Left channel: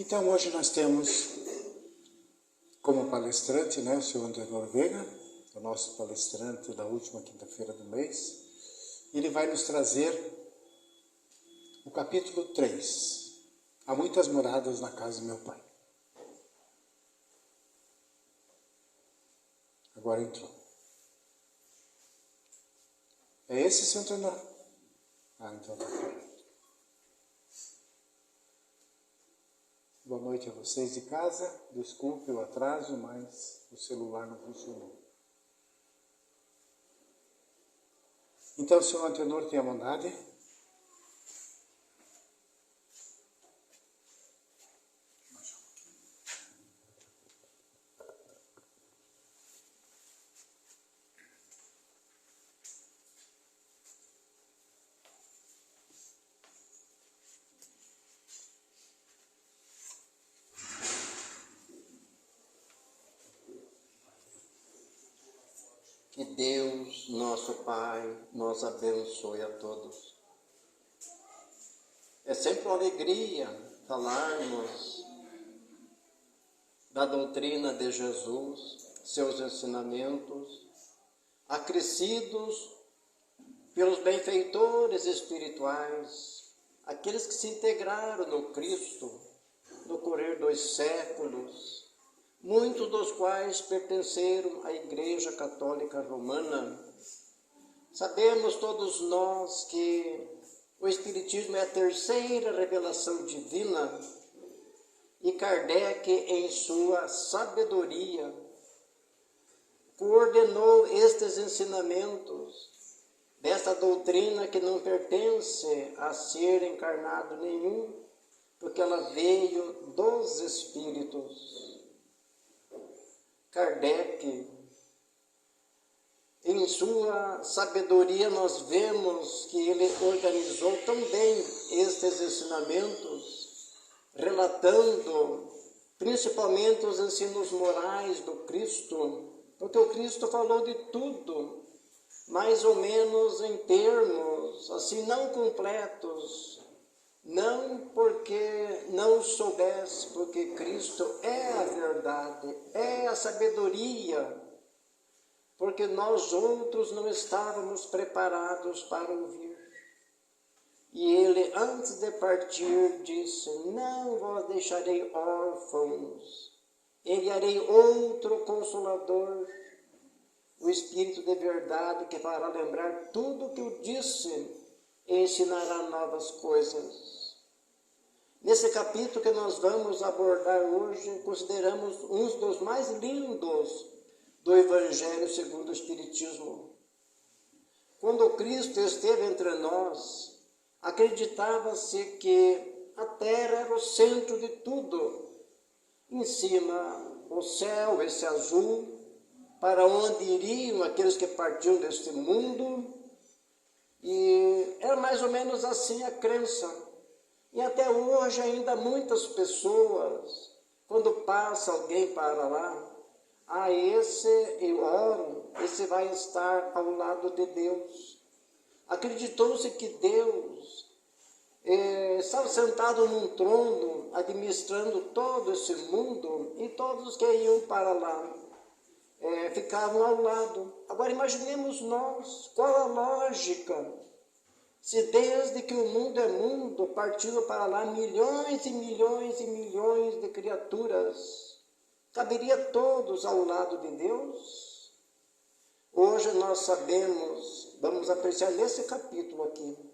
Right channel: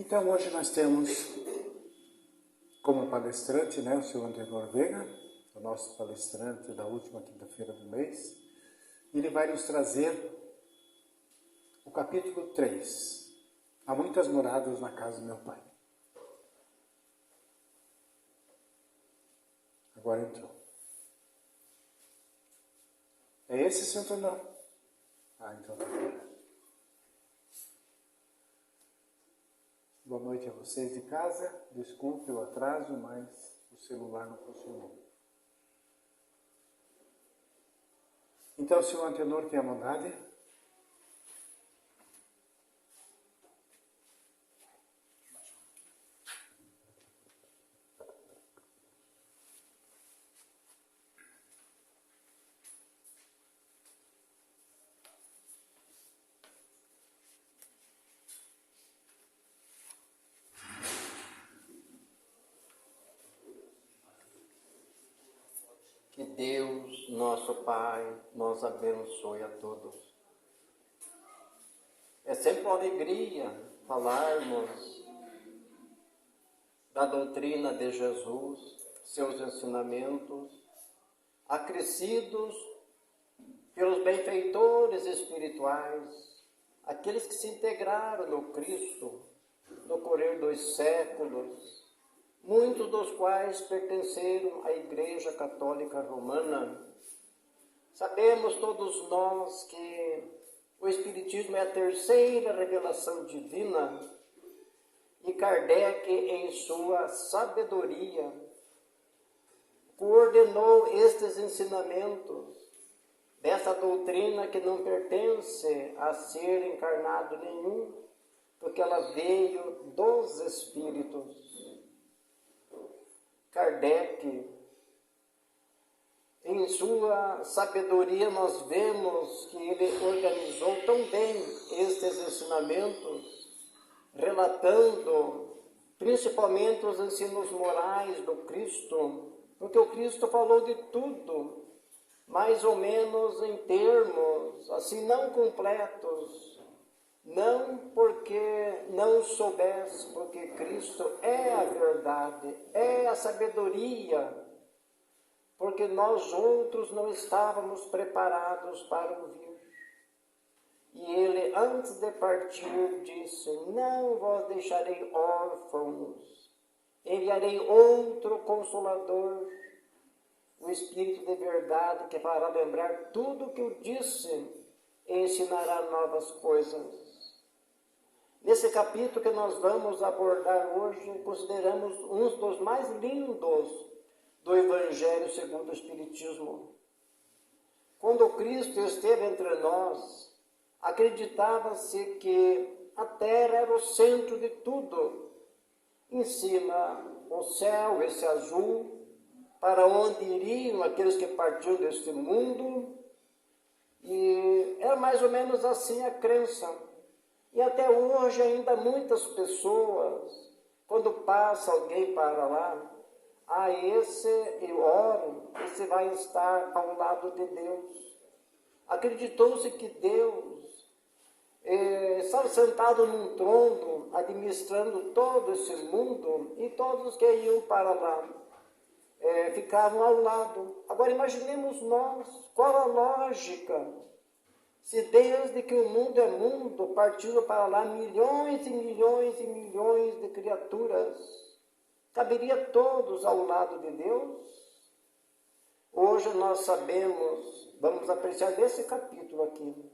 Então, hoje nós temos como palestrante, o senhor Antenor Veiga, o nosso palestrante da última quinta-feira do mês. Ele vai nos trazer o capítulo 3. Há muitas moradas na casa do meu pai. Agora entrou. É esse, senhor Antenor? Então está correto. Boa noite a vocês de casa. Desculpe o atraso, mas o celular não funcionou. Então, senhor Antenor, tem a bondade. Que Deus, nosso Pai, nos abençoe a todos. É sempre uma alegria falarmos da doutrina de Jesus, seus ensinamentos, acrescidos pelos benfeitores espirituais, aqueles que se integraram no Cristo no correr dos séculos, muitos dos quais pertenceram à Igreja Católica Romana. Sabemos todos nós que o Espiritismo é a terceira revelação divina e Kardec, em sua sabedoria, coordenou estes ensinamentos dessa doutrina que não pertence a ser encarnado nenhum, porque ela veio dos Espíritos. Kardec, em sua sabedoria, nós vemos que ele organizou tão bem estes ensinamentos, relatando principalmente os ensinos morais do Cristo, porque o Cristo falou de tudo, mais ou menos em termos assim não completos, não porque não soubesse, porque Cristo é a verdade, é a sabedoria, porque nós outros não estávamos preparados para ouvir. E ele, antes de partir, disse: não vos deixarei órfãos, enviarei outro Consolador, o Espírito de verdade, que fará lembrar tudo o que eu disse e ensinará novas coisas. Nesse capítulo que nós vamos abordar hoje, consideramos um dos mais lindos do Evangelho segundo o Espiritismo. Quando Cristo esteve entre nós, acreditava-se que a terra era o centro de tudo. Em cima, o céu, esse azul, para onde iriam aqueles que partiam deste mundo, e era mais ou menos assim a crença. E até hoje ainda muitas pessoas, quando passa alguém para lá, esse eu oro, esse vai estar ao lado de Deus. Acreditou-se que Deus estava sentado num trono, administrando todo esse mundo, e todos que iam para lá ficavam ao lado. Agora imaginemos nós, qual a lógica? Se desde que o mundo é mundo, partiram para lá milhões e milhões e milhões de criaturas, caberia todos ao lado de Deus? Hoje nós sabemos, vamos apreciar nesse capítulo aqui,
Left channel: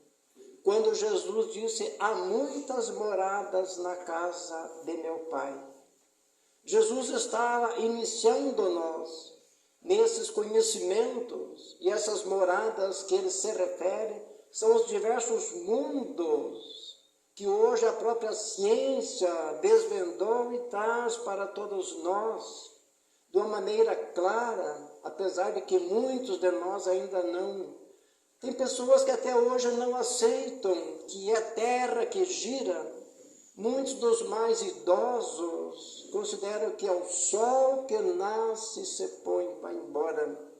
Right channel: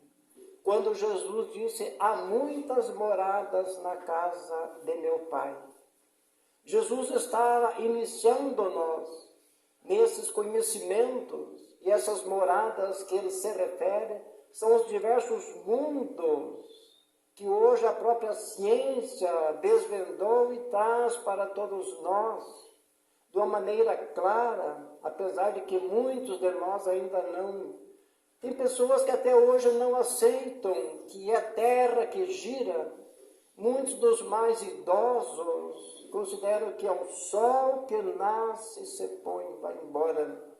quando Jesus disse: há muitas moradas na casa de meu Pai. Jesus estava iniciando-nos nesses conhecimentos, e essas moradas que ele se refere são os diversos mundos que hoje a própria ciência desvendou e traz para todos nós de uma maneira clara, apesar de que muitos de nós ainda não. Tem pessoas que até hoje não aceitam que é a Terra que gira. Muitos dos mais idosos consideram que é o Sol que nasce e se põe, vai embora.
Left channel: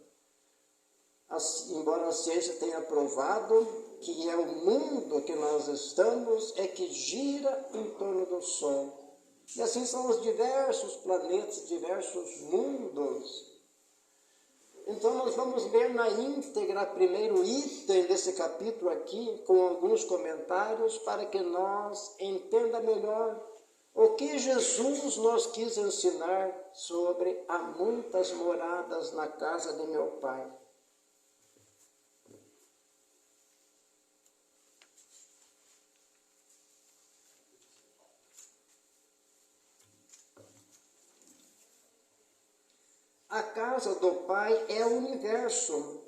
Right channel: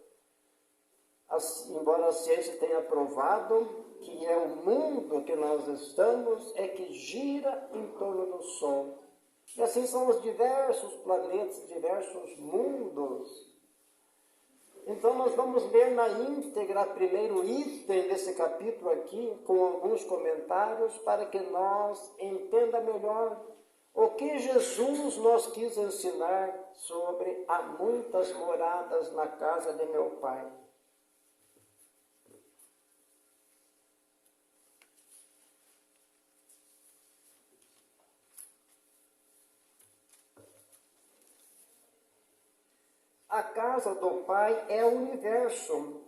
Embora a ciência tenha provado que é o mundo que nós estamos, é que gira em torno do Sol. E assim são os diversos planetas, diversos mundos. Então nós vamos ler na íntegra o primeiro item desse capítulo aqui, com alguns comentários, para que nós entenda melhor o que Jesus nos quis ensinar sobre há muitas moradas na casa de meu Pai. A casa do Pai é o universo.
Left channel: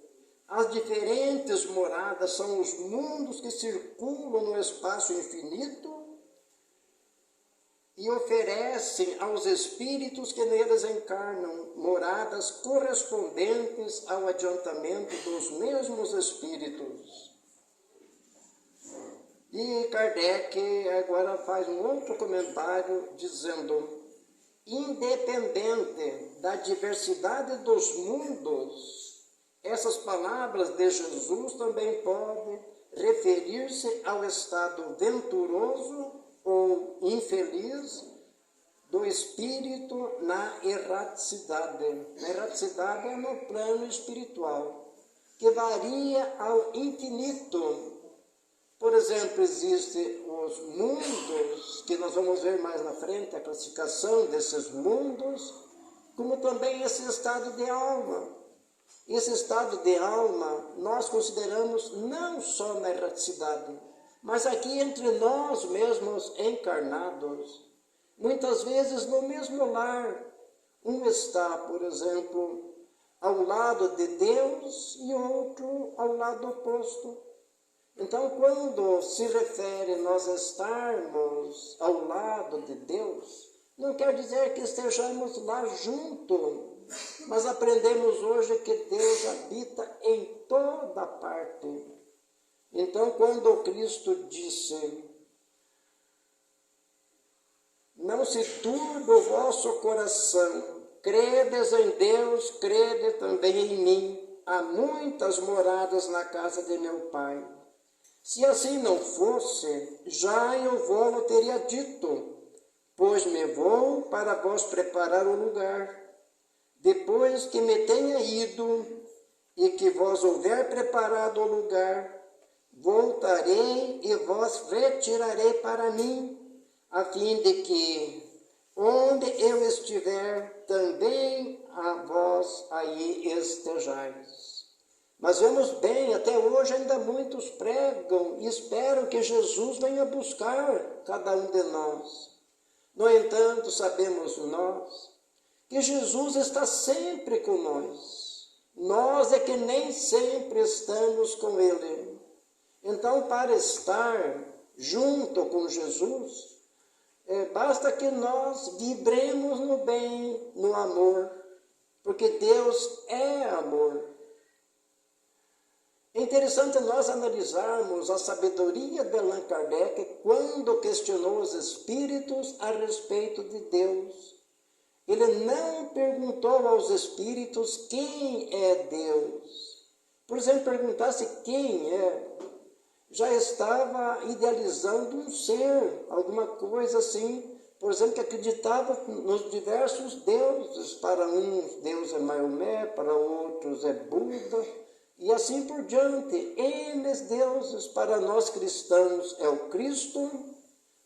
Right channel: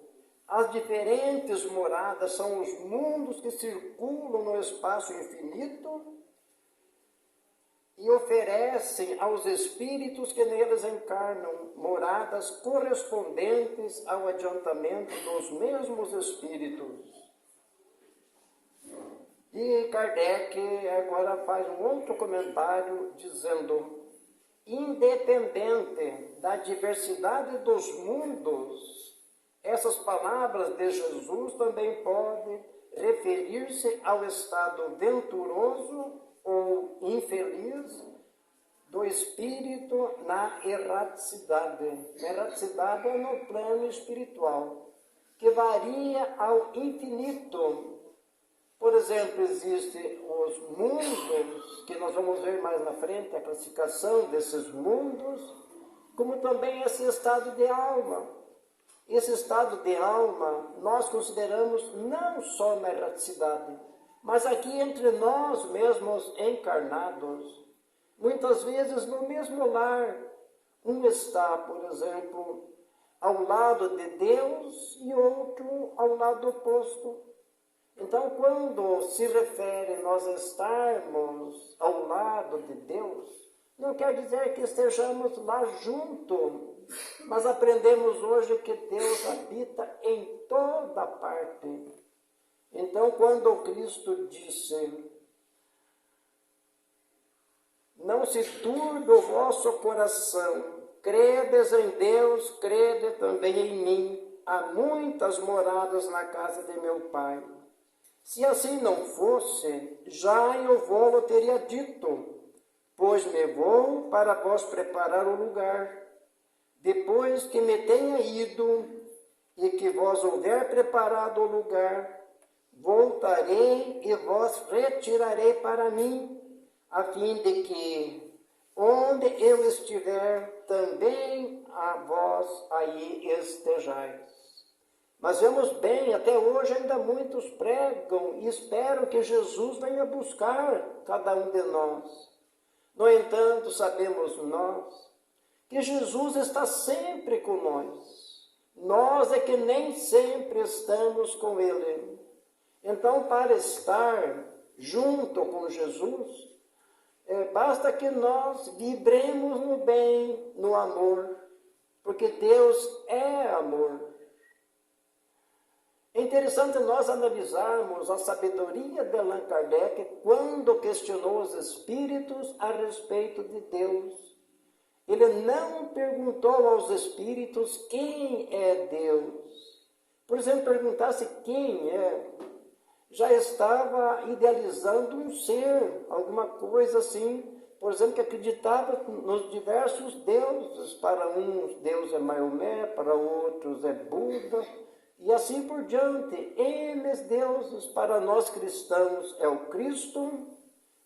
As diferentes moradas são os mundos que circulam no espaço infinito e oferecem aos espíritos que neles encarnam moradas correspondentes ao adiantamento dos mesmos espíritos. E Kardec agora faz um outro comentário dizendo: independente da diversidade dos mundos, essas palavras de Jesus também podem referir-se ao estado venturoso ou infeliz do espírito na erraticidade. A erraticidade é no plano espiritual, que varia ao infinito. Por exemplo, existem os mundos, que nós vamos ver mais na frente, a classificação desses mundos, como também esse estado de alma. Esse estado de alma nós consideramos não só na erraticidade, mas aqui entre nós mesmos encarnados. Muitas vezes no mesmo lar, um está, por exemplo, ao lado de Deus e outro ao lado oposto. Então, quando se refere nós estarmos ao lado de Deus, não quer dizer que estejamos lá junto, mas aprendemos hoje que Deus habita em toda parte. Então, quando Cristo disse: não se turbe o vosso coração, credes em Deus, crede também em mim, há muitas moradas na casa de meu Pai. Se assim não fosse, já eu vou teria dito, pois me vou para vós preparar o lugar. Depois que me tenha ido e que vós houver preparado o lugar, voltarei e vós retirarei para mim, a fim de que, onde eu estiver, também a vós aí estejais. Mas vemos bem, até hoje ainda muitos pregam e esperam que Jesus venha buscar cada um de nós. No entanto, sabemos nós que Jesus está sempre com nós. Nós é que nem sempre estamos com Ele. Então, para estar junto com Jesus, basta que nós vibremos no bem, no amor, porque Deus é amor. É interessante nós analisarmos a sabedoria de Allan Kardec quando questionou os espíritos a respeito de Deus. Ele não perguntou aos espíritos quem é Deus. Por exemplo, perguntasse quem é, já estava idealizando um ser, alguma coisa assim, por exemplo, que acreditava nos diversos deuses. Para uns, Deus é Maomé, para outros é Buda, e assim por diante. Eles deuses, para nós cristãos, é o Cristo,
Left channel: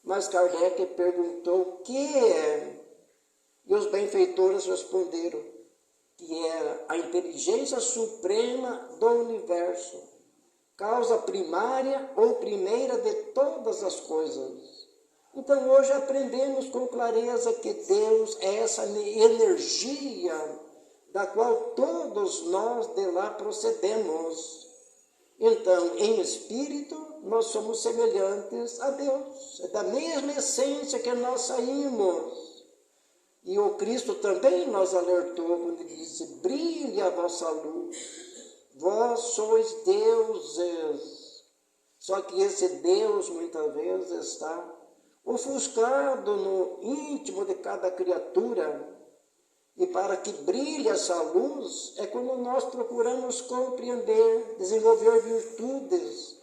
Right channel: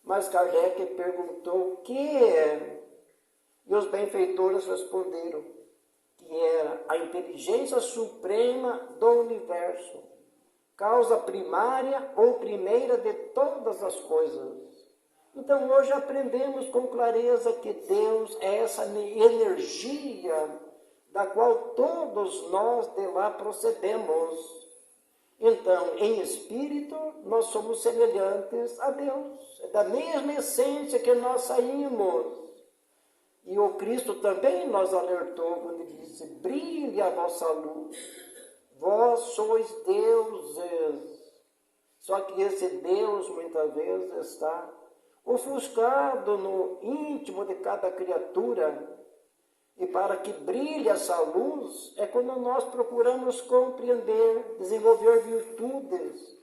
mas Kardec perguntou o que é, e os benfeitores responderam que era a inteligência suprema do universo, causa primária ou primeira de todas as coisas. Então hoje aprendemos com clareza que Deus é essa energia da qual todos nós de lá procedemos. Então, em espírito, nós somos semelhantes a Deus. É da mesma essência que nós saímos. E o Cristo também nos alertou quando ele disse: brilhe a vossa luz, vós sois deuses. Só que esse Deus muitas vezes está ofuscado no íntimo de cada criatura. E para que brilhe essa luz é quando nós procuramos compreender, desenvolver virtudes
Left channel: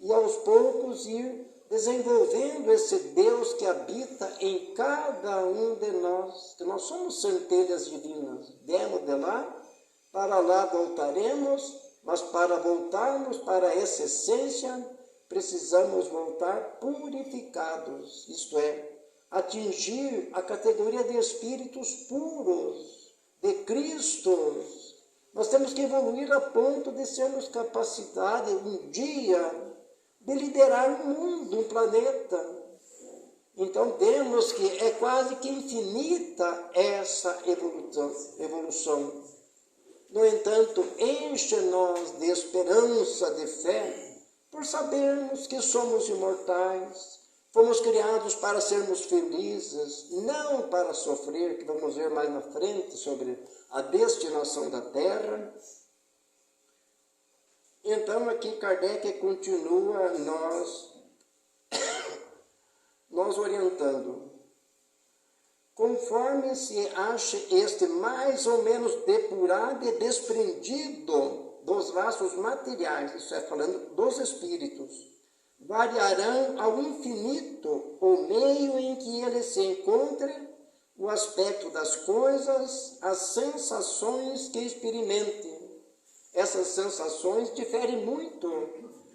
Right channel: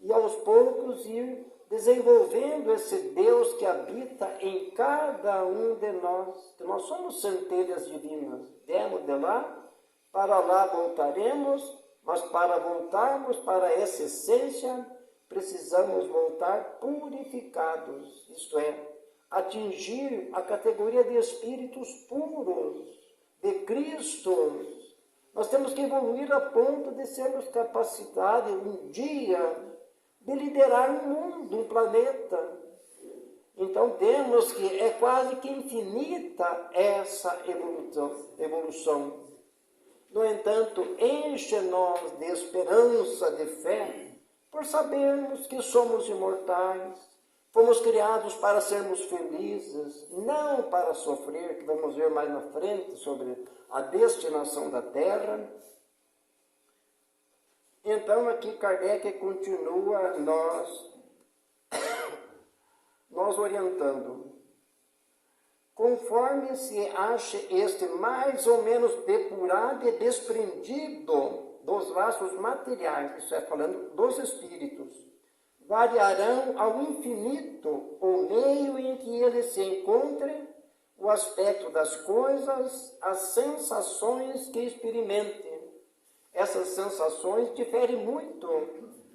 e aos poucos ir desenvolvendo esse Deus que habita em cada um de nós, que nós somos centelhas divinas. Demos de lá voltaremos, mas para voltarmos para essa essência, precisamos voltar purificados, isto é, atingir a categoria de espíritos puros, de Cristos. Nós temos que evoluir a ponto de sermos capacitados um dia de liderar um mundo, um planeta. Então temos que, é quase que infinita essa evolução. No entanto, enche-nos de esperança, de fé, por sabermos que somos imortais, fomos criados para sermos felizes, não para sofrer, que vamos ver mais na frente sobre a destinação da Terra. Então aqui Kardec continua nós orientando. Conforme se ache este mais ou menos depurado e desprendido dos laços materiais, isso é, falando dos espíritos, variarão ao infinito o meio em que ele se encontre, o aspecto das coisas, as sensações que experimente. Essas sensações diferem muito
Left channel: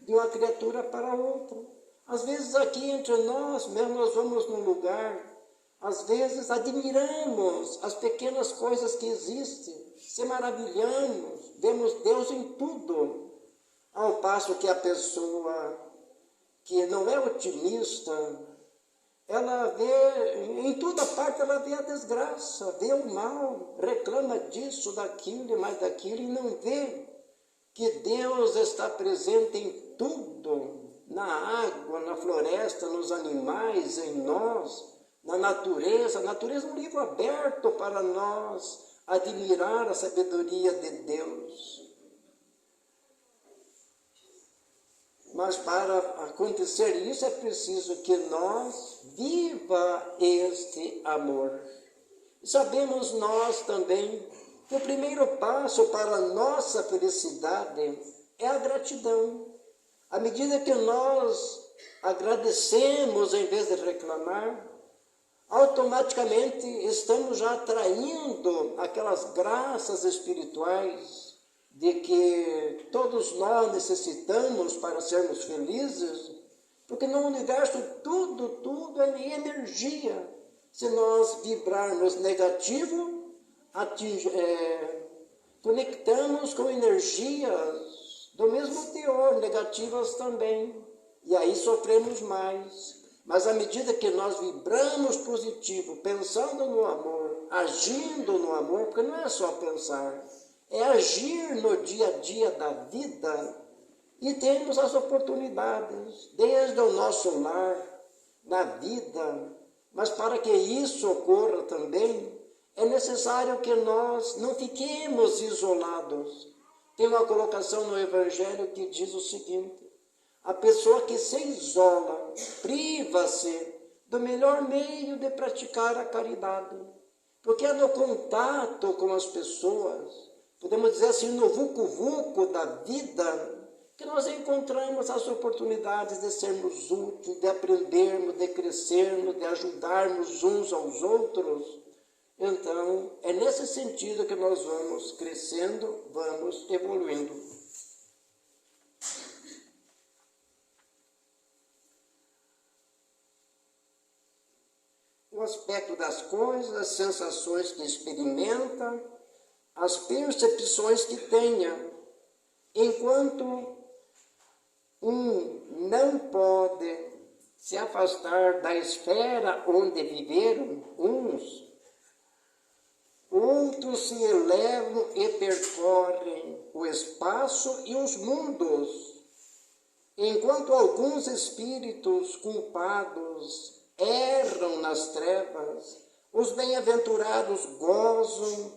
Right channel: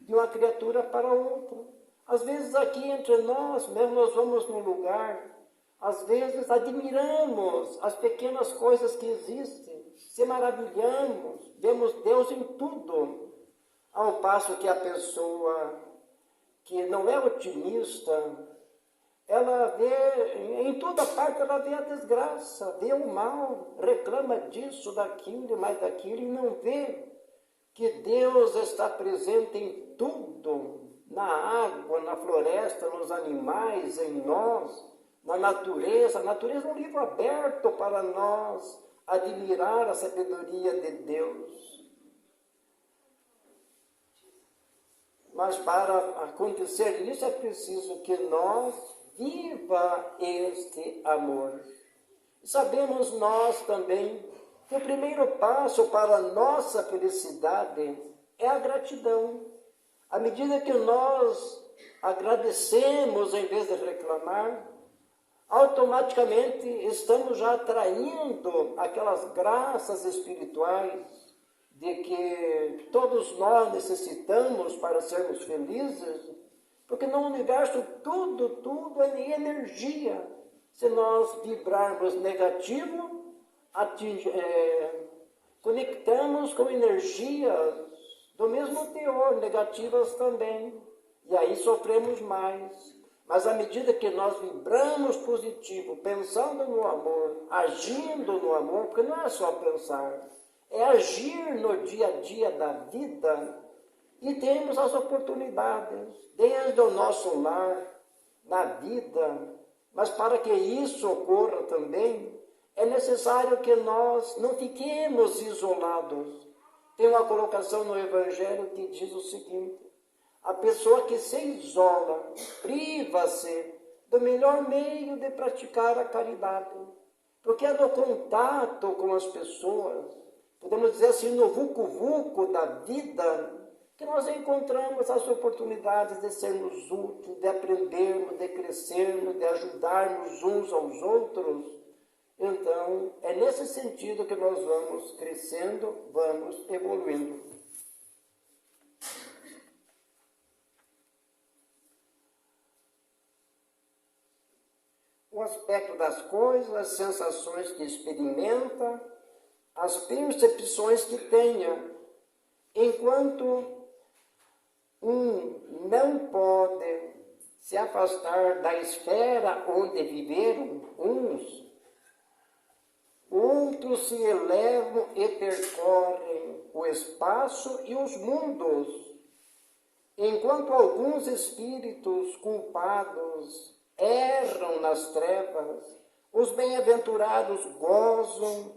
de uma criatura para outra. Às vezes aqui entre nós, mesmo nós vamos num lugar, às vezes admiramos as pequenas coisas que existem, se maravilhamos, vemos Deus em tudo, ao passo que a pessoa que não é otimista, ela vê, em toda parte ela vê a desgraça, vê o mal, reclama disso, daquilo e mais daquilo, e não vê que Deus está presente em tudo, na água, na floresta, nos animais, em nós, na natureza. A natureza é um livro aberto para nós admirar a sabedoria de Deus. Mas para acontecer isso é preciso que nós viva este amor. Sabemos nós também que o primeiro passo para a nossa felicidade é a gratidão. À medida que nós agradecemos em vez de reclamar, automaticamente estamos já atraindo aquelas graças espirituais de que todos nós necessitamos para sermos felizes, porque no universo tudo é energia. Se nós vibrarmos negativo, conectamos com energias do mesmo teor, negativas também, e aí sofremos mais. Mas à medida que nós vibramos positivo, pensando no amor, agindo no amor, porque não é só pensar, é agir no dia a dia da vida, e temos as oportunidades, desde o nosso lar, na vida. Mas para que isso ocorra também, é necessário que nós não fiquemos isolados. Tem uma colocação no Evangelho que diz o seguinte: a pessoa que se isola, priva-se do melhor meio de praticar a caridade. Porque é no contato com as pessoas, podemos dizer assim, no vucu-vucu da vida, que nós encontramos as oportunidades de sermos úteis, de aprendermos, de crescermos, de ajudarmos uns aos outros. Então, é nesse sentido que nós vamos crescendo, vamos evoluindo. O aspecto das coisas, as sensações que experimenta, as percepções que tenha. Enquanto um não pode se afastar da esfera onde viveram uns, outros se elevam e percorrem o espaço e os mundos, enquanto alguns espíritos culpados erram nas trevas, os bem-aventurados gozam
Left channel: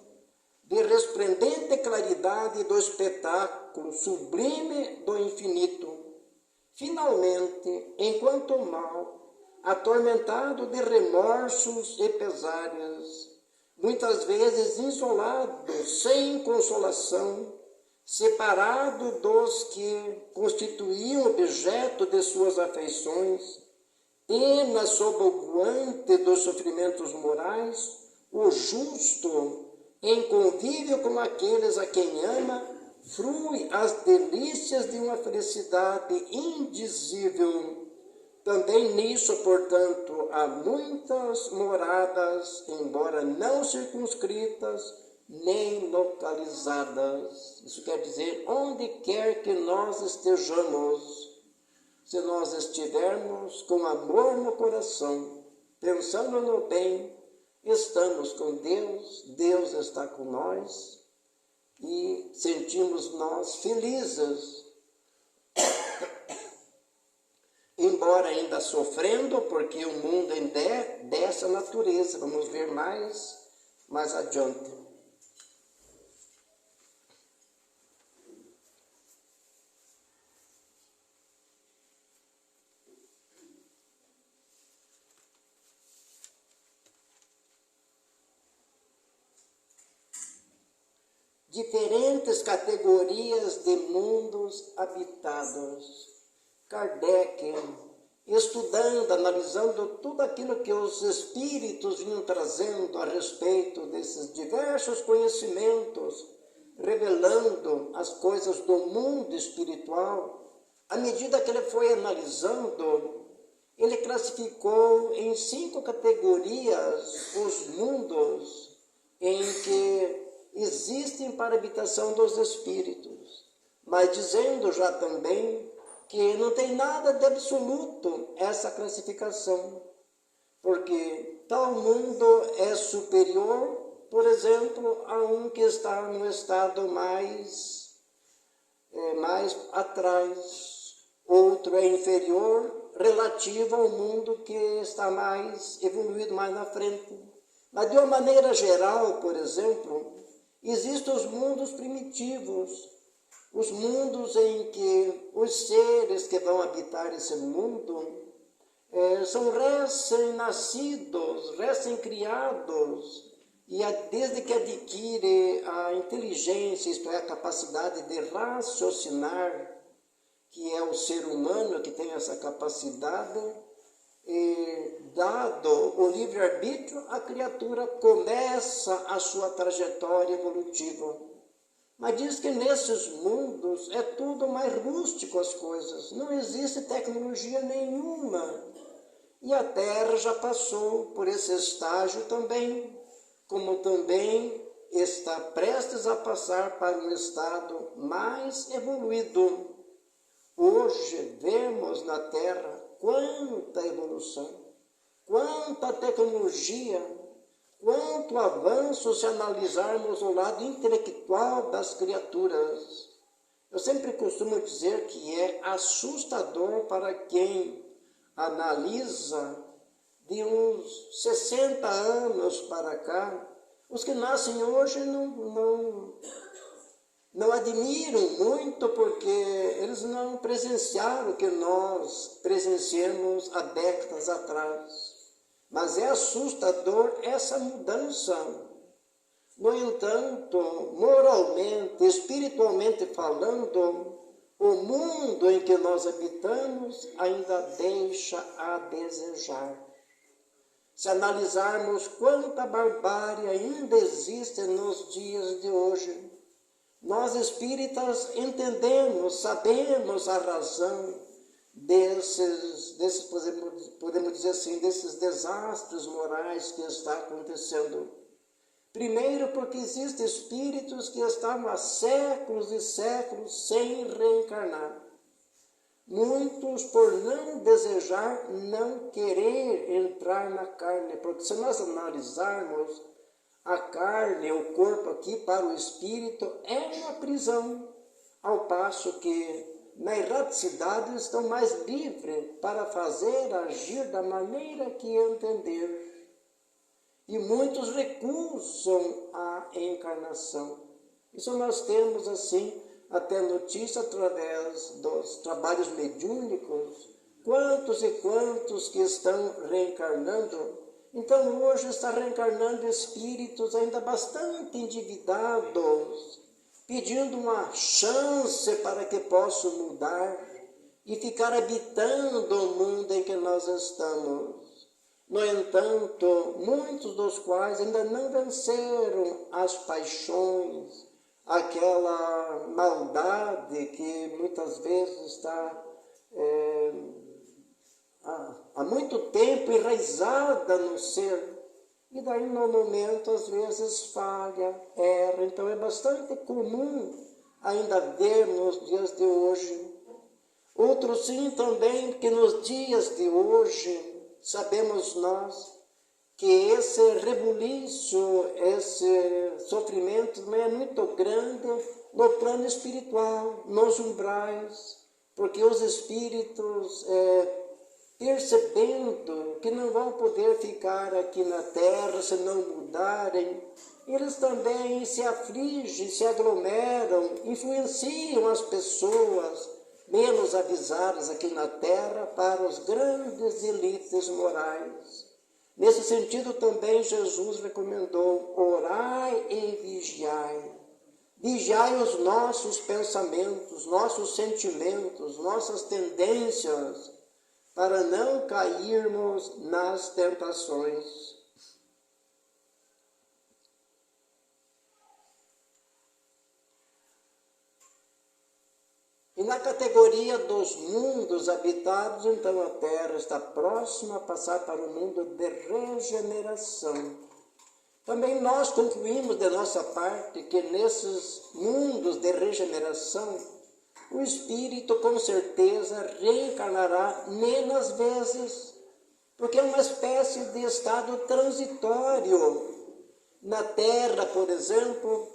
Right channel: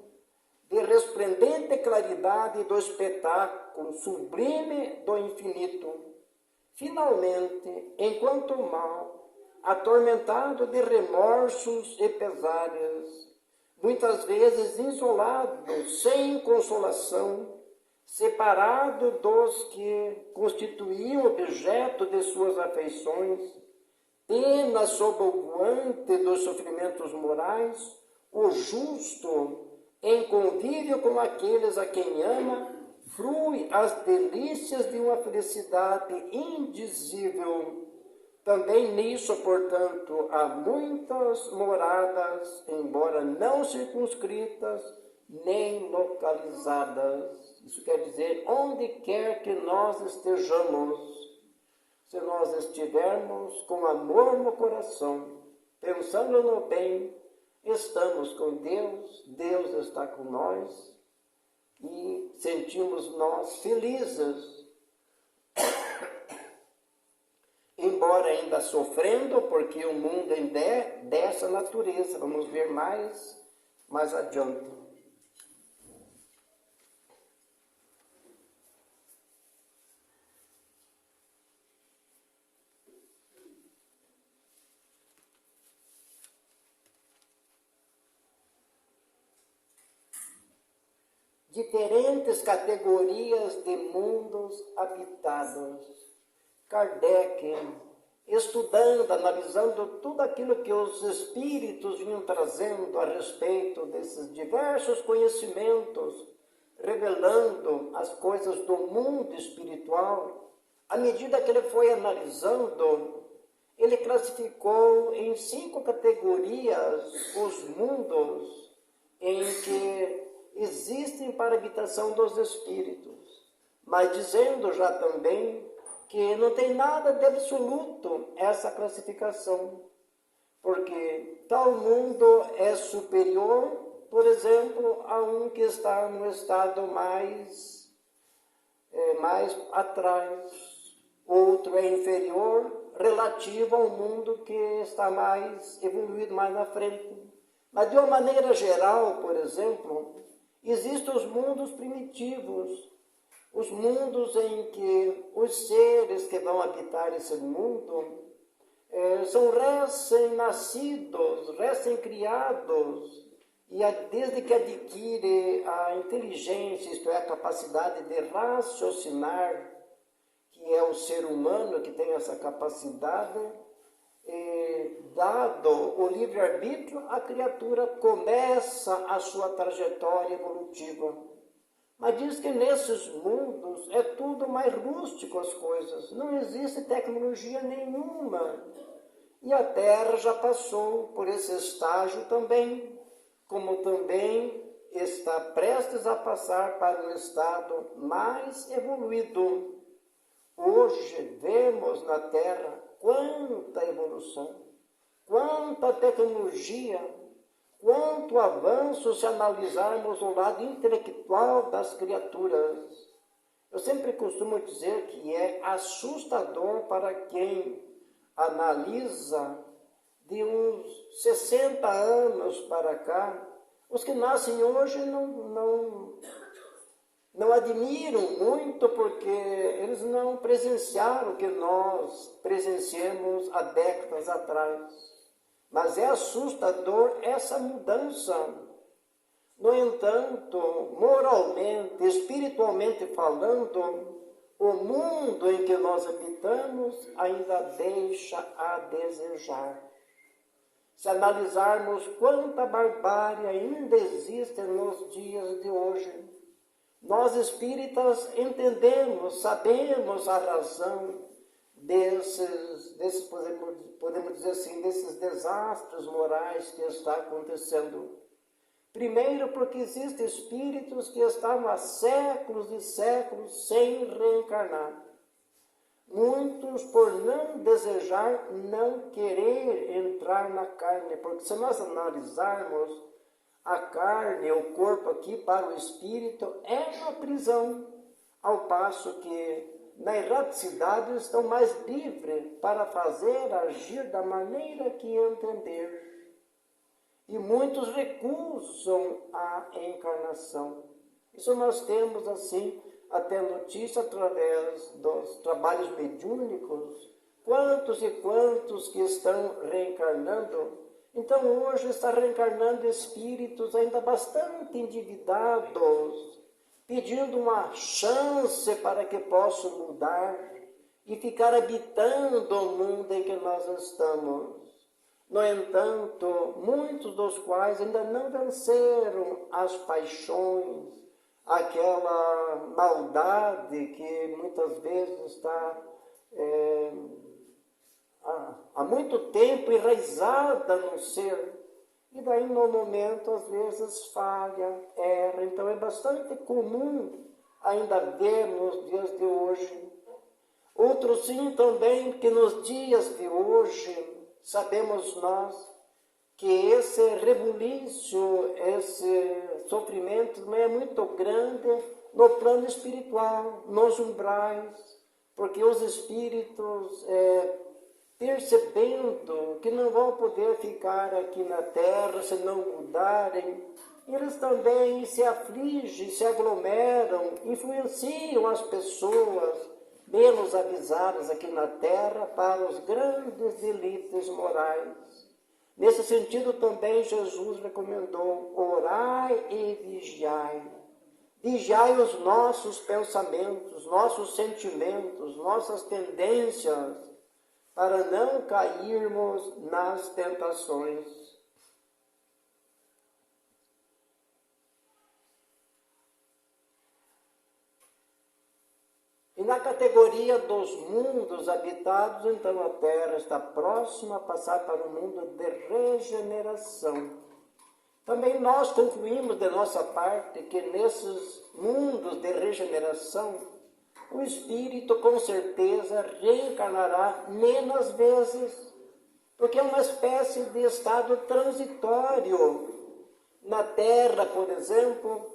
de resplendente claridade do espetáculo sublime do infinito. Finalmente, enquanto o mal, atormentado de remorsos e pesares, muitas vezes isolado, sem consolação, separado dos que constituíam objeto de suas afeições, pena sob o guante dos sofrimentos morais, o justo, em convívio com aqueles a quem ama, frui as delícias de uma felicidade indizível. Também nisso, portanto, há muitas moradas, embora não circunscritas, nem localizadas. Isso quer dizer, onde quer que nós estejamos, se nós estivermos com amor no coração, pensando no bem, estamos com Deus, Deus está com nós e sentimos nós felizes. Embora ainda sofrendo, porque o mundo ainda é dessa natureza. Vamos ver mais adiante. Diferentes categorias de mundos habitados. Kardec, estudando, analisando tudo aquilo que os espíritos vinham trazendo a respeito desses diversos conhecimentos, revelando as coisas do mundo espiritual, à medida que ele foi analisando, ele classificou em 5 categorias os mundos em que existem para a habitação dos espíritos, mas dizendo já também que não tem nada de absoluto essa classificação, porque tal mundo é superior, por exemplo, a um que está no estado mais atrás, outro é inferior relativo ao mundo que está mais evoluído, mais na frente. Mas de uma maneira geral, por exemplo, existem os mundos primitivos, os mundos em que os seres que vão habitar esse mundo são recém-nascidos, recém-criados, e desde que adquire a inteligência, isto é, a capacidade de raciocinar, que é o ser humano que tem essa capacidade, dado o livre-arbítrio, a criatura começa a sua trajetória evolutiva. Mas diz que nesses mundos é tudo mais rústico as coisas, não existe tecnologia nenhuma. E a Terra já passou por esse estágio também, como também está prestes a passar para um estado mais evoluído. Hoje vemos na Terra quanta evolução, quanta tecnologia, quanto avanço se analisarmos o lado intelectual das criaturas. Eu sempre costumo dizer que é assustador para quem analisa de uns 60 anos para cá. Os que nascem hoje não admiram muito, porque eles não presenciaram o que nós presenciamos há décadas atrás. Mas é assustador essa mudança. No entanto, moralmente, espiritualmente falando, o mundo em que nós habitamos ainda deixa a desejar. Se analisarmos quanta barbárie ainda existe nos dias de hoje, nós espíritas entendemos, sabemos a razão desses podemos dizer assim, desses desastres morais que está acontecendo. Primeiro, porque existem espíritos que estavam há séculos e séculos sem reencarnar. Muitos, por não desejar, não querer entrar na carne, porque se nós analisarmos a carne, o corpo aqui para o espírito, é uma prisão, ao passo que na erraticidade estão mais livres para fazer, agir da maneira que entender. E muitos recusam a encarnação. Isso nós temos assim, até notícia através dos trabalhos mediúnicos, quantos e quantos que estão reencarnando. Então hoje está reencarnando espíritos ainda bastante endividados, pedindo uma chance para que possam mudar. e ficar habitando o mundo em que nós estamos. No entanto, muitos dos quais ainda não venceram as paixões, aquela maldade que muitas vezes está há muito tempo enraizada no ser, e daí no momento às vezes falha, erra. Então é bastante comum ainda ver nos dias de hoje. Outro sim também que nos dias de hoje sabemos nós que esse rebuliço, esse sofrimento não é muito grande no plano espiritual, nos umbrais, porque os espíritos, percebendo que não vão poder ficar aqui na terra se não mudarem, eles também se afligem, se aglomeram, influenciam as pessoas menos avisadas aqui na terra para os grandes delitos morais. Nesse sentido também Jesus recomendou: orai e vigiai. Vigiai os nossos pensamentos, nossos sentimentos, nossas tendências, para não cairmos nas tentações. E na categoria dos mundos habitados, então a Terra está próxima a passar para o mundo de regeneração. Também nós concluímos de nossa parte que nesses mundos de regeneração, o espírito com certeza reencarnará menos vezes, porque é uma espécie de estado transitório. Na Terra, por exemplo,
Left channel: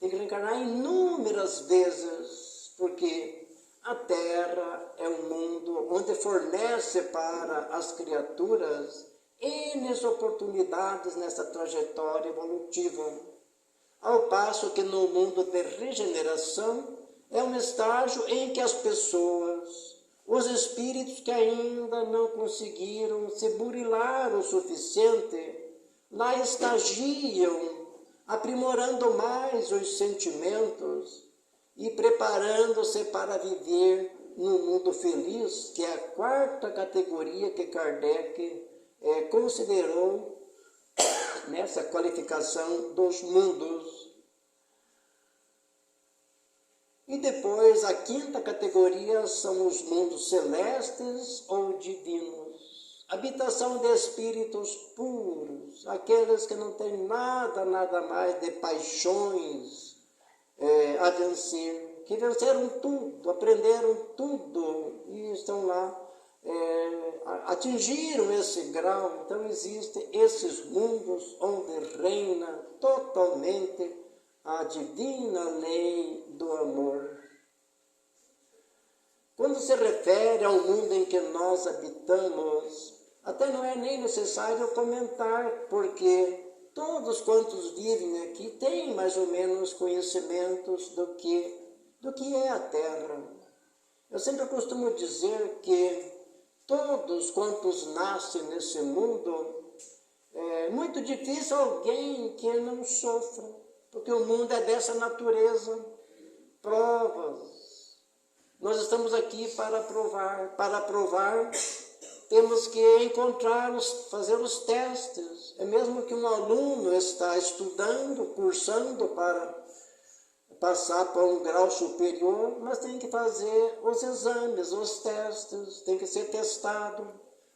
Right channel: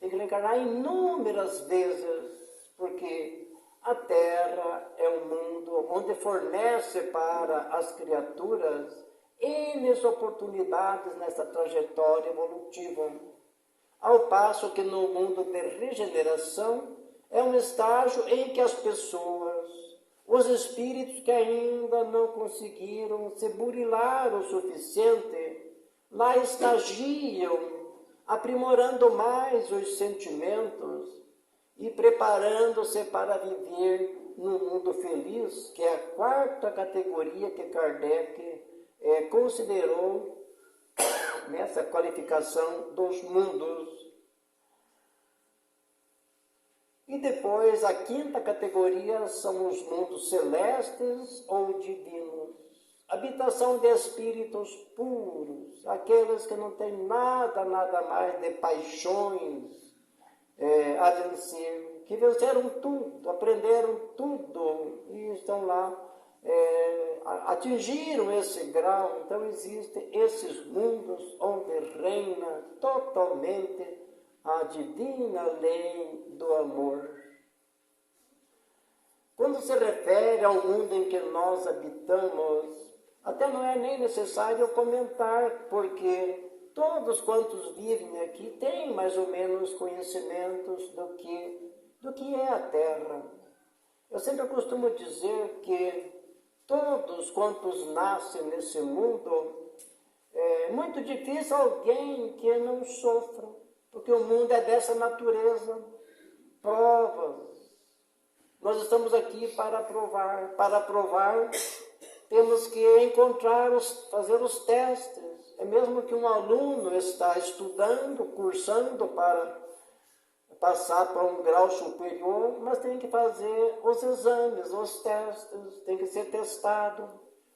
tem que reencarnar inúmeras vezes, porque a Terra é um mundo onde fornece para as criaturas N oportunidades nessa trajetória evolutiva. Ao passo que no mundo de regeneração é um estágio em que as pessoas, os espíritos que ainda não conseguiram se burilar o suficiente, lá estagiam, aprimorando mais os sentimentos e preparando-se para viver no mundo feliz, que é a quarta categoria que Kardec considerou nessa qualificação dos mundos. E depois a quinta categoria são os mundos celestes ou divinos. Habitação de espíritos puros, aqueles que não têm nada mais de paixões a vencer, que venceram tudo, aprenderam tudo e estão lá, atingiram esse grau. Então existem esses mundos onde reina totalmente a divina lei do amor. Quando se refere ao mundo em que nós habitamos, até não é nem necessário comentar, porque todos quantos vivem aqui têm mais ou menos conhecimentos do que é a Terra. Eu sempre costumo dizer que todos quantos nascem nesse mundo, é muito difícil alguém que não sofra, porque o mundo é dessa natureza, provas. Nós estamos aqui para provar. Para provar, temos que fazer os testes. É mesmo que um aluno está estudando, cursando para passar para um grau superior, mas tem que fazer os exames, os testes, tem que ser testado.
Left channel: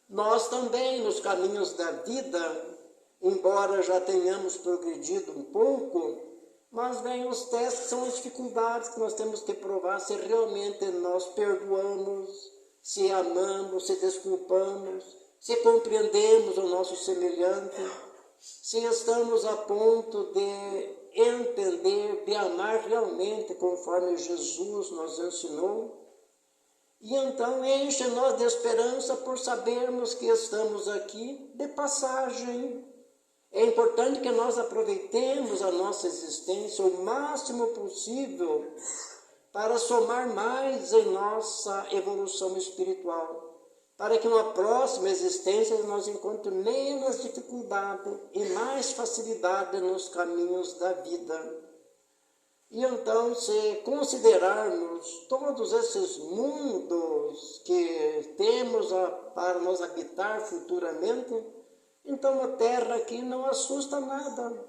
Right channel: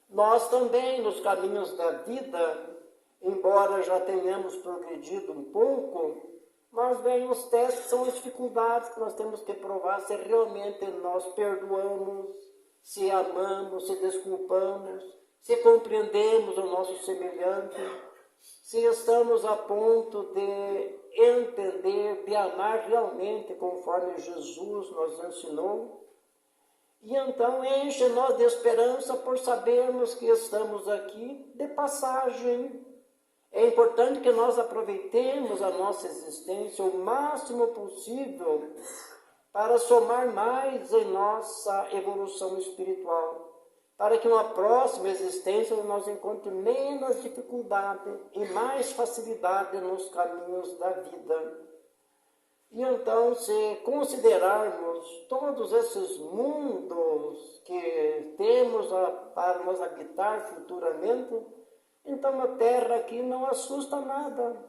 Nós também, nos caminhos da vida, embora já tenhamos progredido um pouco, mas vem os testes, são as dificuldades que nós temos que provar se realmente nós perdoamos, se amamos, se desculpamos, se compreendemos o nosso semelhante, se estamos a ponto de entender, de amar realmente conforme Jesus nos ensinou. E então enche nós de esperança por sabermos que estamos aqui de passagem. É importante que nós aproveitemos a nossa existência o máximo possível para somar mais em nossa evolução espiritual, para que uma próxima existência nós encontremos menos dificuldade e mais facilidade nos caminhos da vida. E então, se considerarmos todos esses mundos que temos para nos habitar futuramente, então a Terra aqui não assusta nada.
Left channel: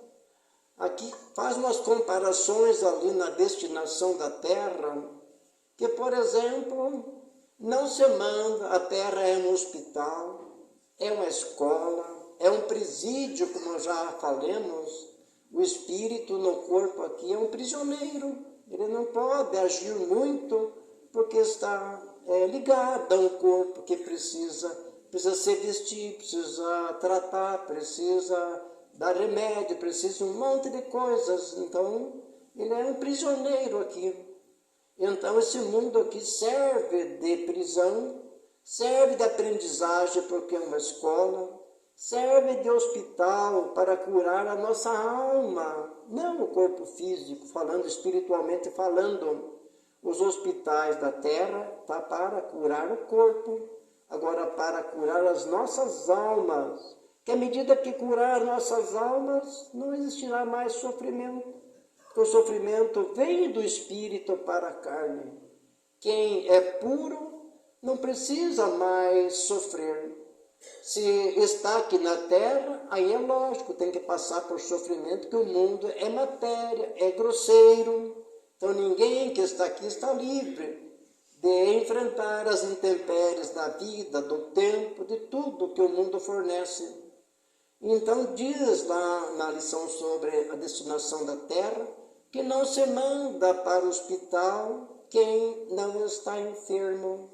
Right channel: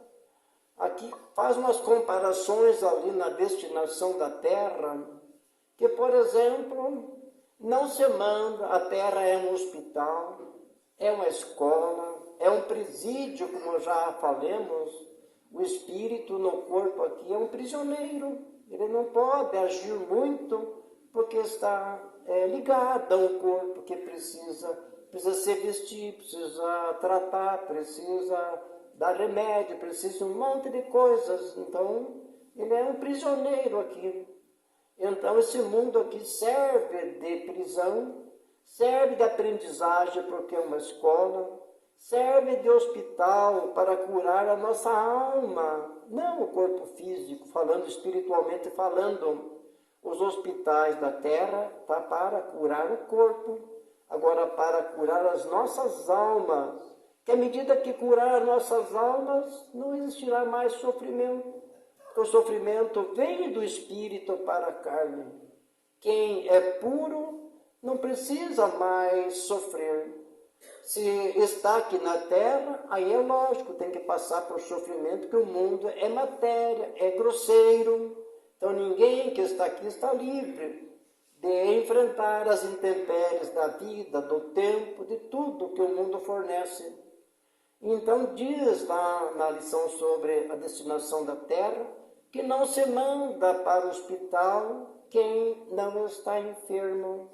Aqui faz umas comparações ali na destinação da Terra, que, por exemplo, não se manda, a Terra é um hospital, é uma escola, é um presídio, como já falamos. O espírito no corpo aqui é um prisioneiro, ele não pode agir muito porque está ligado a um corpo que precisa se vestir, precisa tratar, precisa dar remédio, precisa um monte de coisas. Então, ele é um prisioneiro aqui. Então, esse mundo aqui serve de prisão, serve de aprendizagem porque é uma escola, serve de hospital para curar a nossa alma, não o corpo físico, falando espiritualmente, falando. Os hospitais da terra tá para curar o corpo, agora para curar as nossas almas, que à medida que curar nossas almas, não existirá mais sofrimento, porque o sofrimento vem do espírito para a carne. Quem é puro não precisa mais sofrer. Se está aqui na terra, aí é lógico, tem que passar por sofrimento, que o mundo é matéria, é grosseiro. Então ninguém que está aqui está livre de enfrentar as intempéries da vida, do tempo, de tudo que o mundo fornece. Então diz lá na lição sobre a destinação da terra, que não se manda para o hospital quem não está enfermo.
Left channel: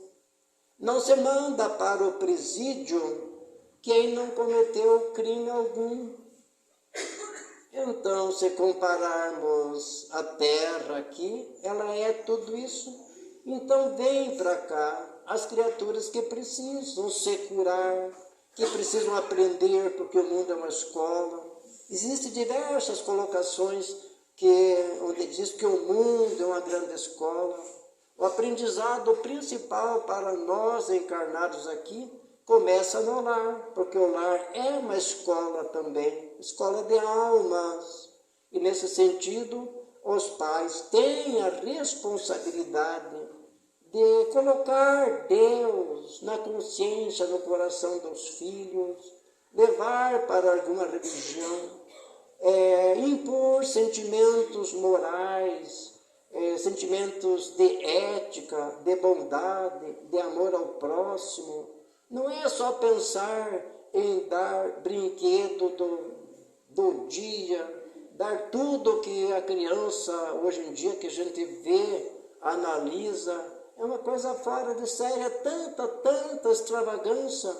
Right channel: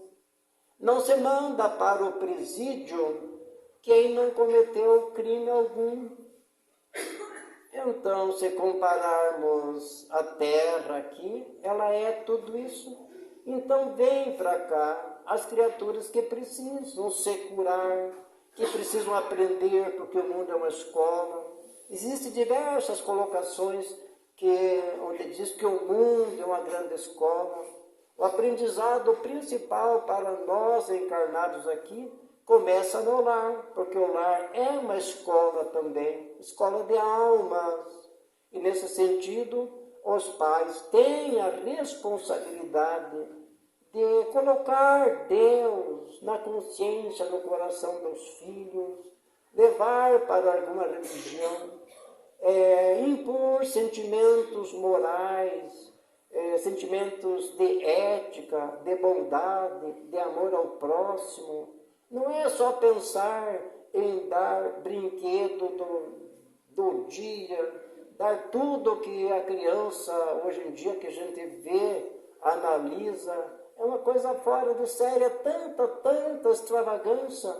Não se manda para o presídio quem não cometeu crime algum. Então, se compararmos a terra aqui, ela é tudo isso. Então, vem para cá as criaturas que precisam se curar, que precisam aprender, porque o mundo é uma escola. Existem diversas colocações onde diz que o mundo é uma grande escola. O aprendizado principal para nós encarnados aqui começa no lar, porque o lar é uma escola também, escola de almas. E nesse sentido, os pais têm a responsabilidade de colocar Deus na consciência, no coração dos filhos, levar para alguma religião, impor sentimentos morais, sentimentos de ética, de bondade, de amor ao próximo. Não é só pensar em dar brinquedo do dia, dar tudo que a criança, hoje em dia, que a gente vê, analisa, é uma coisa fora de série, tanta extravagância,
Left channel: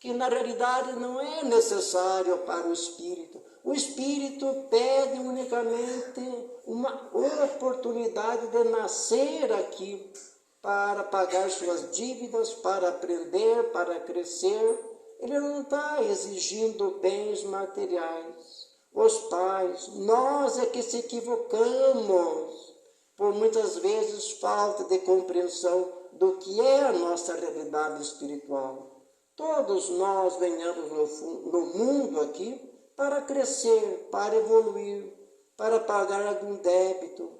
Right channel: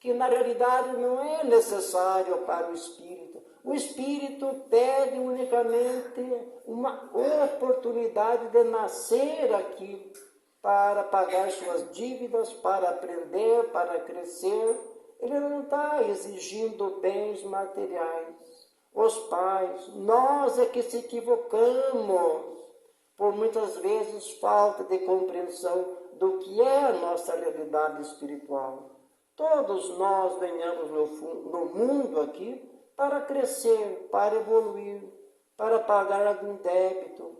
que na realidade não é necessário para o espírito. O espírito pede unicamente uma oportunidade de nascer aqui, para pagar suas dívidas, para aprender, para crescer. Ele não está exigindo bens materiais. Os pais, nós é que se equivocamos, por muitas vezes falta de compreensão do que é a nossa realidade espiritual. Todos nós venhamos no mundo aqui para crescer, para evoluir, para pagar algum débito,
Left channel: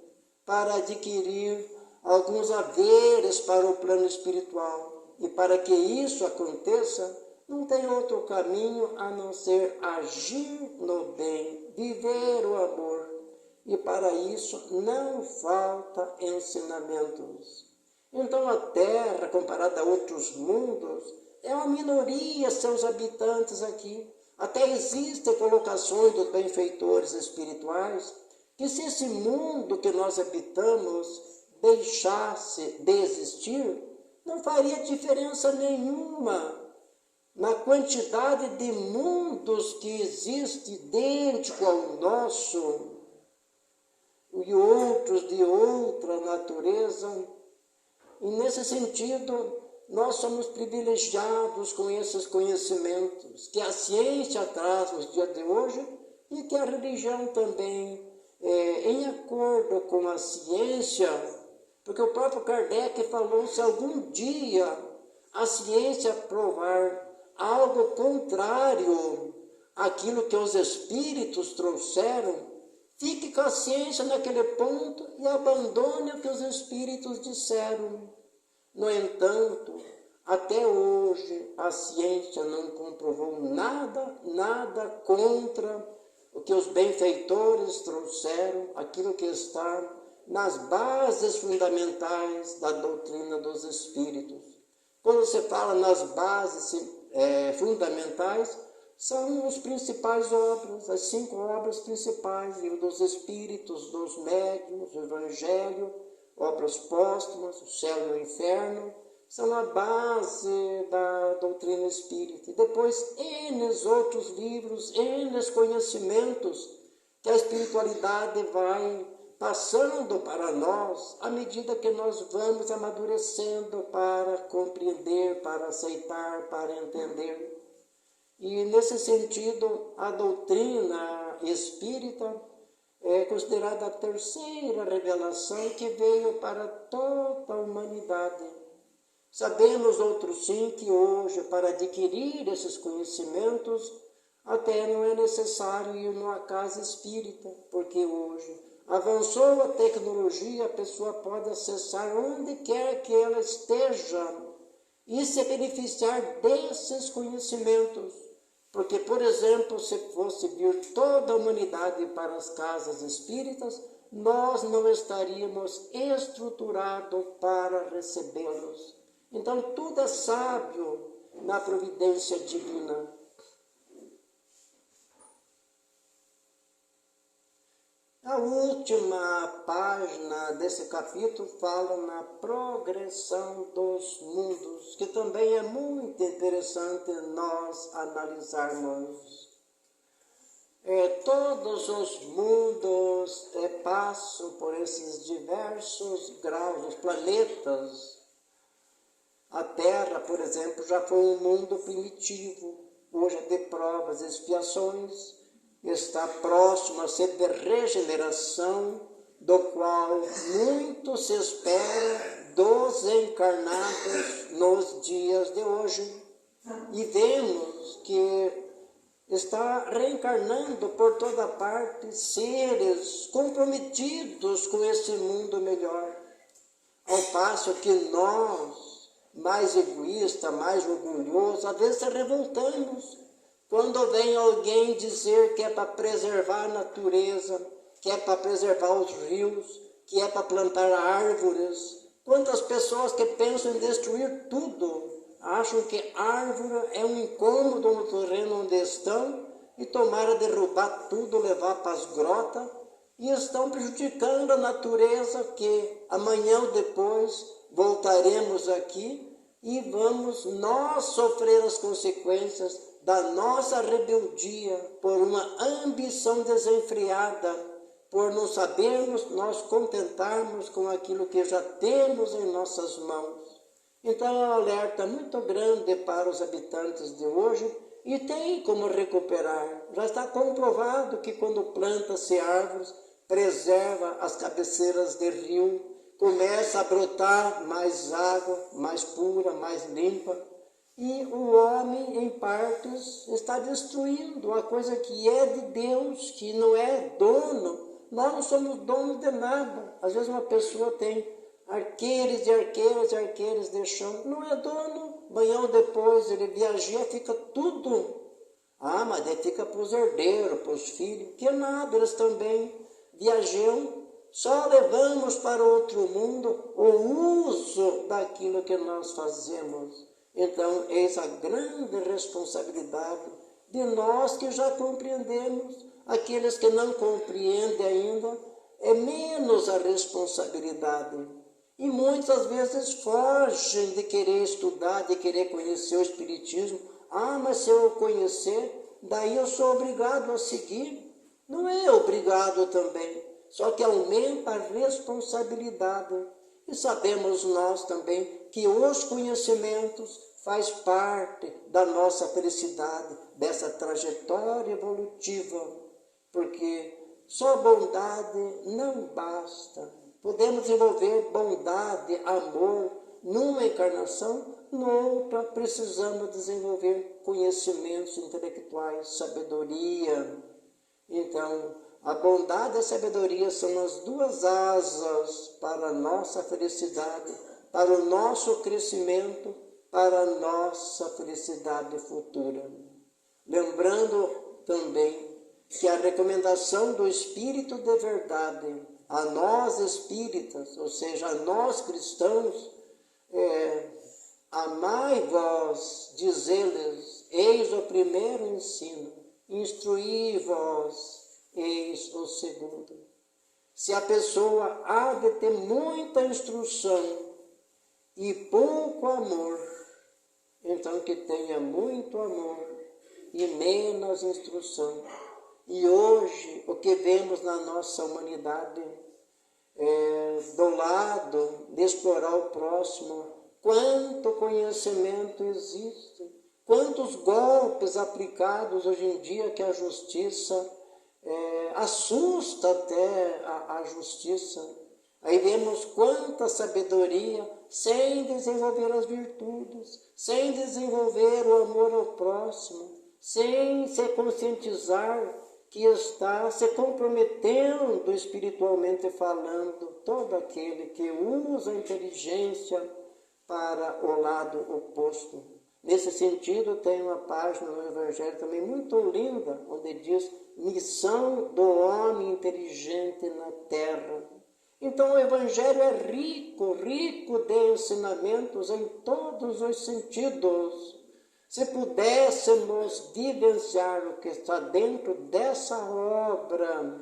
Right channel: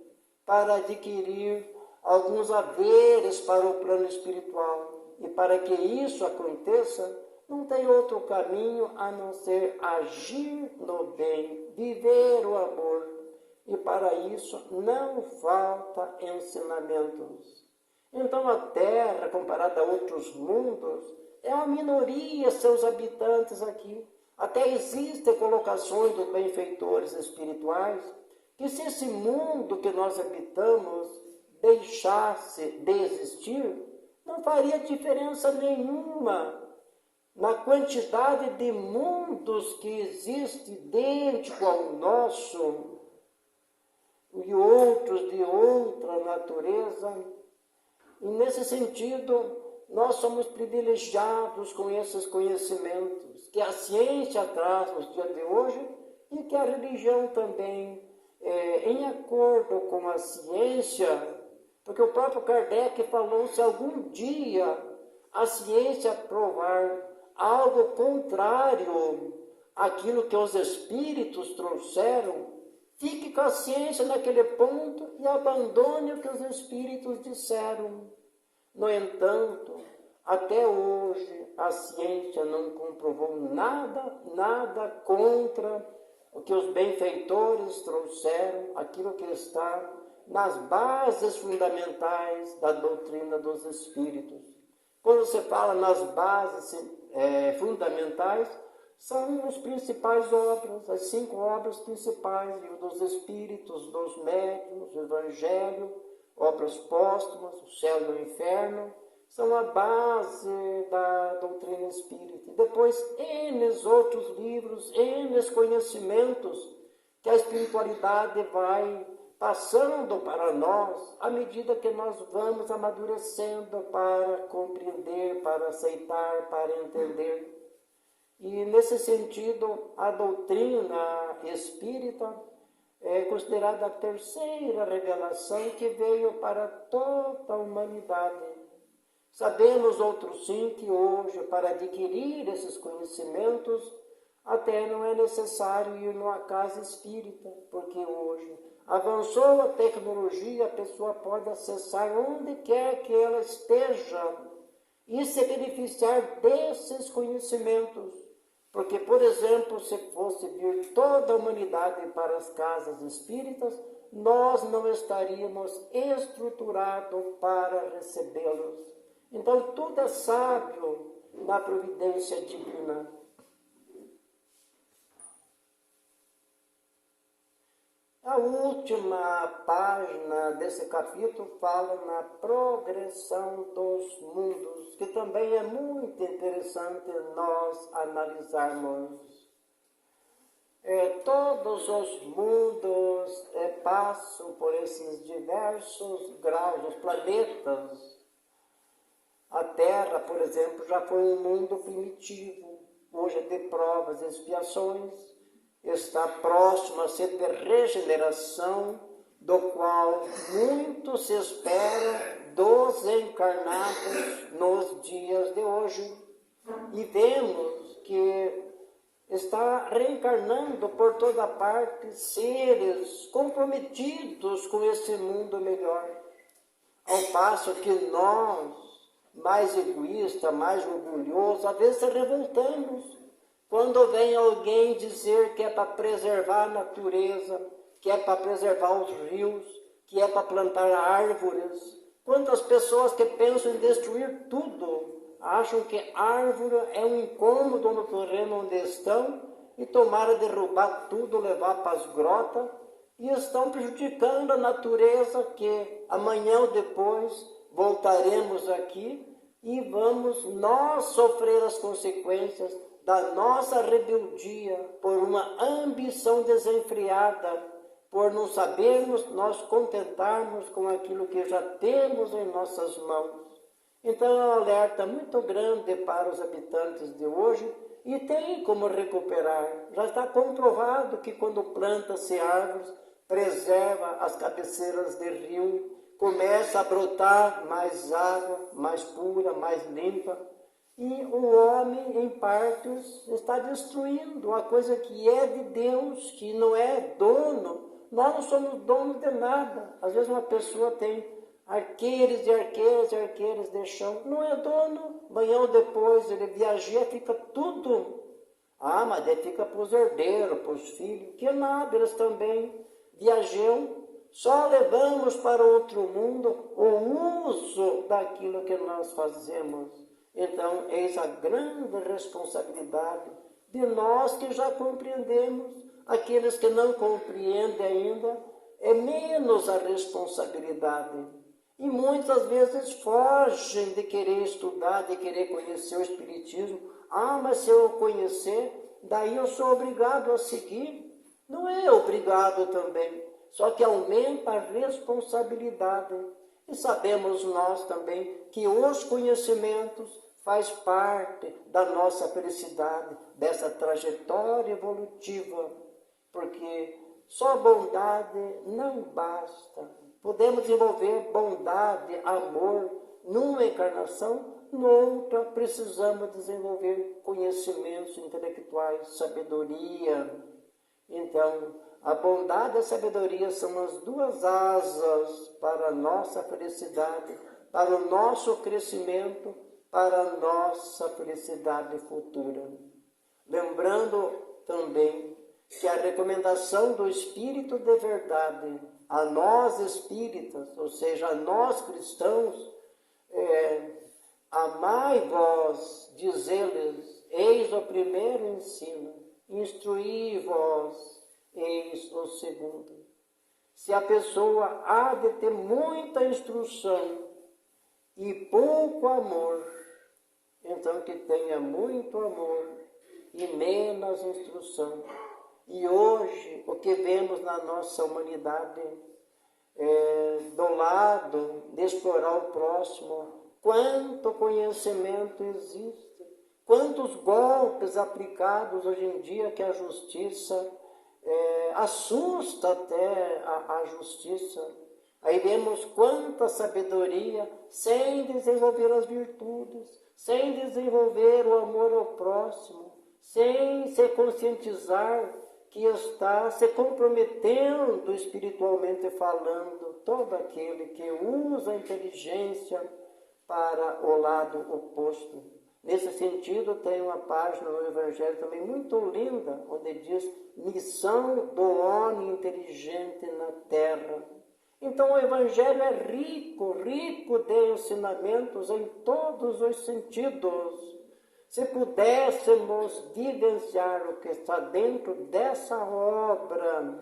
para adquirir alguns haveres para o plano espiritual. E para que isso aconteça, não tem outro caminho a não ser agir no bem, viver o amor. E para isso não falta ensinamentos. Então a Terra, comparada a outros mundos, é uma minoria seus habitantes aqui. Até existem colocações dos benfeitores espirituais que se esse mundo que nós habitamos deixasse de existir, não faria diferença nenhuma na quantidade de mundos que existe idêntico ao nosso e outros de outra natureza. E nesse sentido, nós somos privilegiados com esses conhecimentos que a ciência traz nos dias de hoje e que a religião também, em acordo com a ciência. Porque o próprio Kardec falou, se algum dia a ciência provar algo contrário àquilo que os espíritos trouxeram, Fique com a ciência naquele ponto e abandone o que os espíritos disseram. No entanto, até hoje a ciência não comprovou nada contra o que os benfeitores trouxeram, aquilo que está nas bases fundamentais da doutrina dos espíritos. Quando você fala nas bases fundamentais, são as principais obras, as 5 obras principais, livro dos Espíritos, dos Médiuns, o Evangelho, obras póstumas, o Céu e o Inferno, são a base da doutrina espírita. E depois, N outros livros, N conhecimentos que a espiritualidade vai passando para nós à medida que nós vamos amadurecendo para compreender, para aceitar, para entender. E, nesse sentido, a doutrina espírita é considerada a terceira revelação que veio para toda a humanidade. Sabemos, outros sim, que hoje, para adquirir esses conhecimentos, até não é necessário ir numa casa espírita, porque hoje avançou a tecnologia, a pessoa pode acessar onde quer que ela esteja e se beneficiar desses conhecimentos. Porque, por exemplo, se fosse vir toda a humanidade para as casas espíritas, nós não estaríamos estruturados para recebê-los. Então, tudo é sábio na providência divina. A última página desse capítulo fala na progressão dos mundos, que também é muito interessante nós analisarmos. Todos os mundos passam por esses diversos graus, os planetas. A Terra, por exemplo, já foi um mundo primitivo, hoje é de provas e expiações, está próximo a ser de regeneração, do qual muito se espera dos encarnados nos dias de hoje. E vemos que está reencarnando por toda parte seres comprometidos com esse mundo melhor. Ao passo que nós, mais egoístas, mais orgulhosos, às vezes revoltamos quando vem alguém dizer que é para preservar a natureza, que é para preservar os rios, que é para plantar árvores. Quantas pessoas que pensam em destruir tudo, acham que árvore é um incômodo no terreno onde estão e tomaram derrubar tudo, levar para as grotas, e estão prejudicando a natureza, que amanhã ou depois voltaremos aqui e vamos nós sofrer as consequências da nossa rebeldia por uma ambição desenfreada, por não sabermos nós contentarmos com aquilo que já temos em nossas mãos. Então é um alerta muito grande para os habitantes de hoje e tem como recuperar. Já está comprovado que quando planta-se árvores, preserva as cabeceiras de rio, começa a brotar mais água, mais pura, mais limpa. E o homem, em partes, está destruindo a coisa que é de Deus, que não é dono. Nós não somos donos de nada. Às vezes uma pessoa tem arqueiros e arqueiras e arqueiras de chão, não é dono. Amanhã ou depois ele viaja, fica tudo. Ah, mas daí fica para os herdeiros, para os filhos, que nada, eles também viajam. Só levamos para outro mundo o uso daquilo que nós fazemos. Então, eis a grande responsabilidade de nós que já compreendemos. Aqueles que não compreendem ainda, é menos a responsabilidade. E muitas vezes fogem de querer estudar, de querer conhecer o Espiritismo. Ah, mas se eu conhecer, daí eu sou obrigado a seguir. Não é obrigado também, só que aumenta a responsabilidade. E sabemos nós também que os conhecimentos faz parte da nossa felicidade, dessa trajetória evolutiva, porque só bondade não basta. Podemos desenvolver bondade, amor numa encarnação, noutra precisamos desenvolver conhecimentos intelectuais, sabedoria. Então, A bondade e a sabedoria são as duas asas para a nossa felicidade, para o nosso crescimento, para a nossa felicidade futura. Lembrando também que a recomendação do Espírito de verdade a nós espíritas, ou seja, a nós cristãos, amai vós, diz-lhes, eis o primeiro ensino, instruí vós, eis o segundo. Se a pessoa há de ter muita instrução e pouco amor, então que tenha muito amor e menos instrução. E hoje, o que vemos na nossa humanidade, do lado de explorar o próximo, quanto conhecimento existe, quantos golpes aplicados hoje em dia que a justiça assusta até a justiça. Aí vemos quanta sabedoria sem desenvolver as virtudes, sem desenvolver o amor ao próximo, sem se conscientizar que está se comprometendo espiritualmente falando todo aquele que usa a inteligência para o lado oposto. Nesse sentido, tem uma página no Evangelho também muito linda, onde diz missão do homem inteligente na terra. Então o Evangelho é rico, rico de ensinamentos em todos os sentidos. Se pudéssemos vivenciar o que está dentro dessa obra,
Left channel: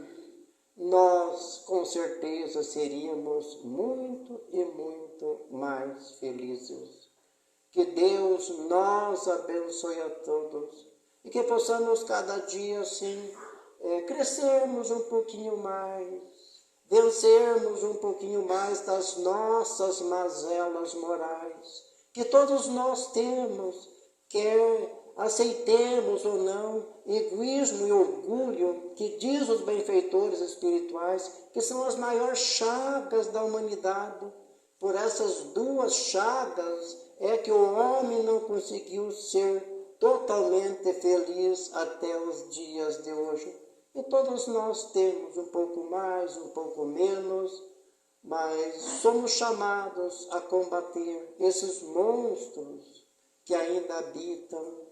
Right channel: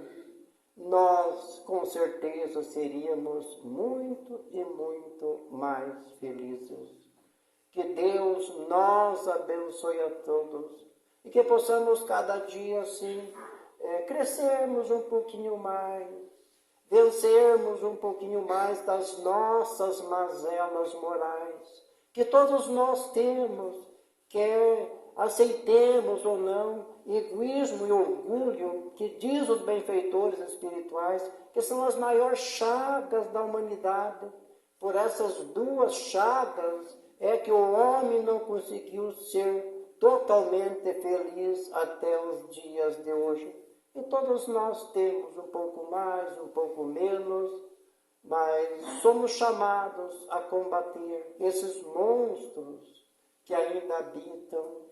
nós com certeza seríamos muito e muito mais felizes. Que Deus nos abençoe a todos e que possamos cada dia assim crescermos um pouquinho mais, vencermos um pouquinho mais das nossas mazelas morais, que todos nós temos, quer aceitemos ou não, egoísmo e orgulho, que diz os benfeitores espirituais, que são as maiores chagas da humanidade. Por essas duas chagas é que o homem não conseguiu ser totalmente feliz até os dias de hoje. E todos nós temos um pouco mais, um pouco menos, mas somos chamados a combater esses monstros que ainda habitam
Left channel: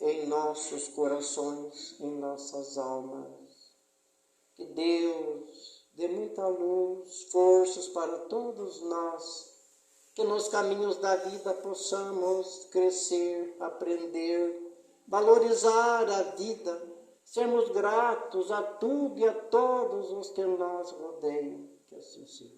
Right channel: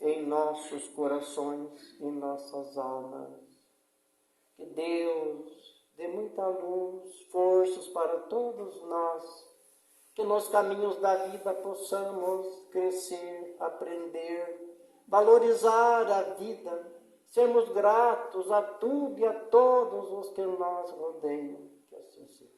em nossos corações, em nossas almas. Que Deus dê muita luz, forças para todos nós, que nos caminhos da vida possamos crescer, aprender, valorizar a vida, sermos gratos a tudo e a todos os que nos rodeiam. Que assim seja.